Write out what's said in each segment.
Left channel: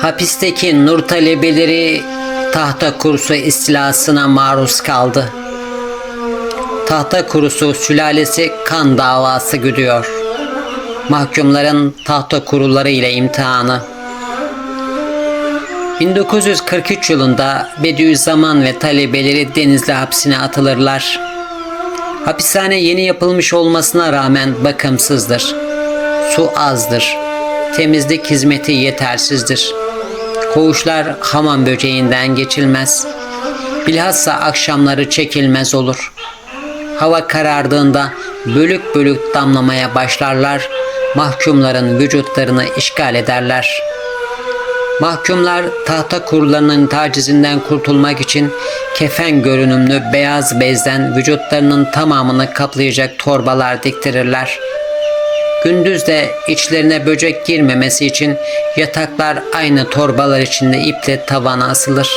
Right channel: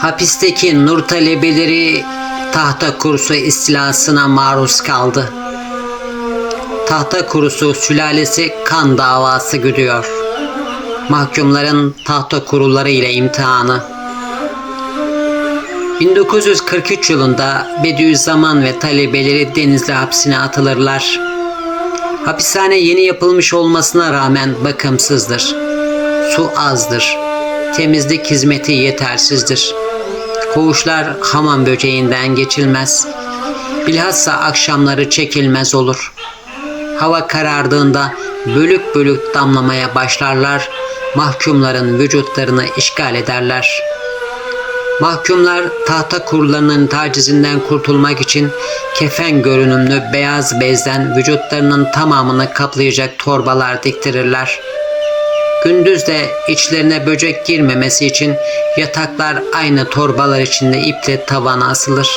Hapisteki nur talebeleri tahta kurusu istilasına maruz kaldı. Tahta kurusu sülalesi kan davası güdüyor. Mahkumların tahta kuruları ile imtihanı. 1943 yılında Bediüzzaman ve talebeleri Denizli hapsine atılırlar. Hapishane yeni yapılmış olmasına rağmen bakımsızdır. Su azdır. Temizlik hizmeti yetersizdir. Koğuşlar hamam böceğinden geçilmez. Bilhassa akşamları çekilmez olur. Hava karardığında bölük bölük damlamaya başlarlar. Mahkumların vücutlarını işgal ederler. Mahkumlar tahta kurularının tacizinden kurtulmak için kefen görünümlü beyaz bezden vücutlarının tamamını kaplayacak torbalar diktirirler. Gündüz de içlerine böcek girmemesi için yataklar aynı torbalar içinde iple tavana asılır.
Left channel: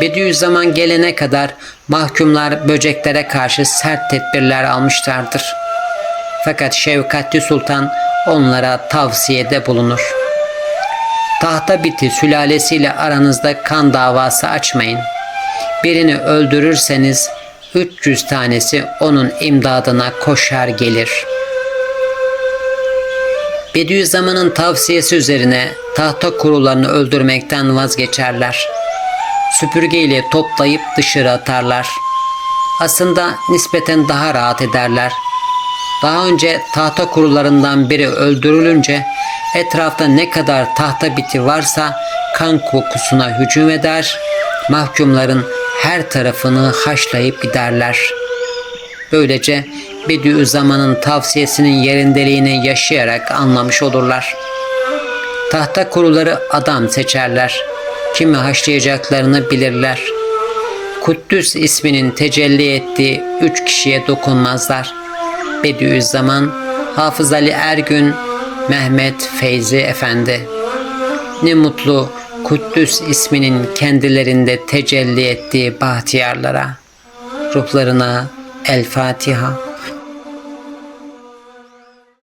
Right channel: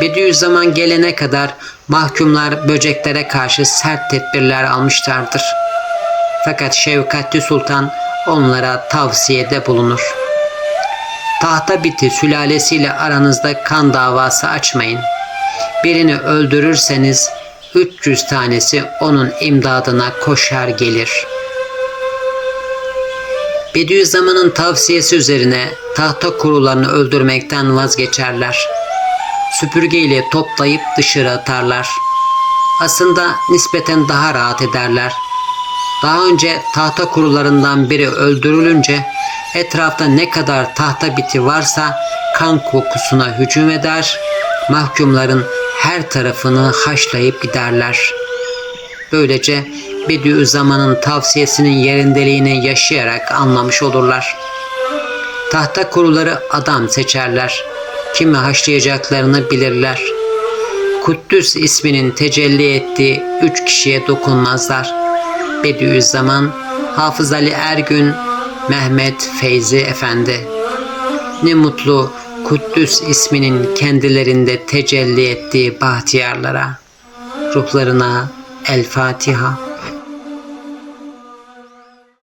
Bediüzzaman gelene kadar mahkumlar böceklere karşı sert tedbirler almışlardır. Fakat Şevkatli Sultan onlara tavsiyede bulunur. Tahta biti sülalesiyle aranızda kan davası açmayın. Birini öldürürseniz 300 tanesi onun imdadına koşar gelir. Bediüzzaman'ın tavsiyesi üzerine tahta kurularını öldürmekten vazgeçerler. Süpürgeyle toplayıp dışarı atarlar. Aslında nispeten daha rahat ederler. Daha önce tahta kurularından biri öldürülünce etrafta ne kadar tahta biti varsa kan kokusuna hücum eder, mahkumların her tarafını haşlayıp giderler. Böylece Bediüzzaman'ın tavsiyesinin yerindeliğini yaşayarak anlamış olurlar. Tahta kuruları adam seçerler. Kimi haşlayacaklarını bilirler. Kuddüs isminin tecelli ettiği üç kişiye dokunmazlar. Bediüzzaman, Hafız Ali Ergün, Mehmet Feyzi Efendi. Ne mutlu Kuddüs isminin kendilerinde tecelli ettiği bahtiyarlara. Ruhlarına El Fatiha.